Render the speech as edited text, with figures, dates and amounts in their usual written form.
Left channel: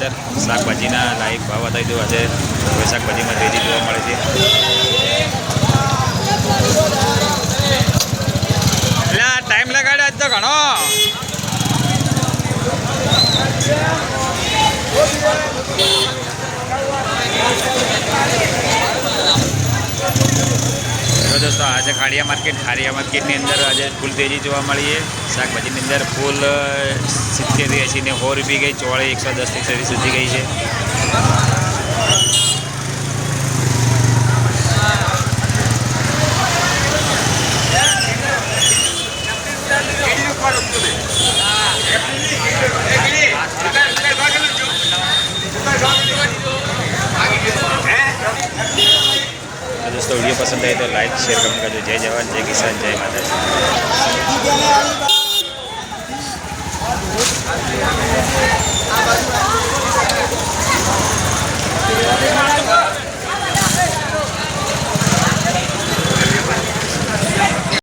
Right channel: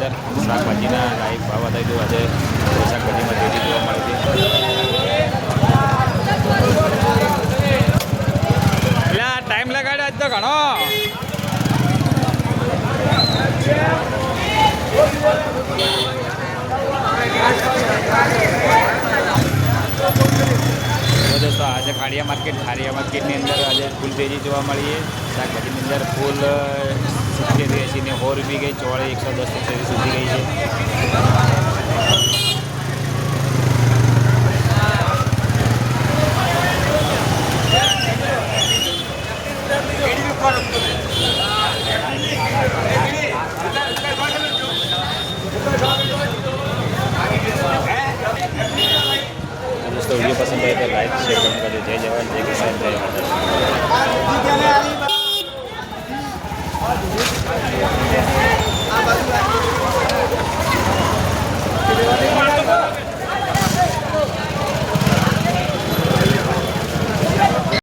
અંદર શાકભાજીના લાયક ભાવ બતાવી દઉં. આજે કોઈ શાકભાજીમાં તેજી જોવા મળે છે. એટલે ટાઈમ લગાડ્યો આજ તો ઘણો. તો દોસ્તો આજે ખાડિયા માર્કેટની અંદર આજે ફૂલ તેજી જોવા મળી છે. શાકભાજીની અંદર ફૂલ 70, 80 ને 100 રૂપિયા ગઈ. ચોળી 110 થી 120 સુધી ગઈ છે. दोस्तों वीडियो पसंद आए तो लाइक शेयर कमेंट करજો. जय जवान जय किसान जय माताजी.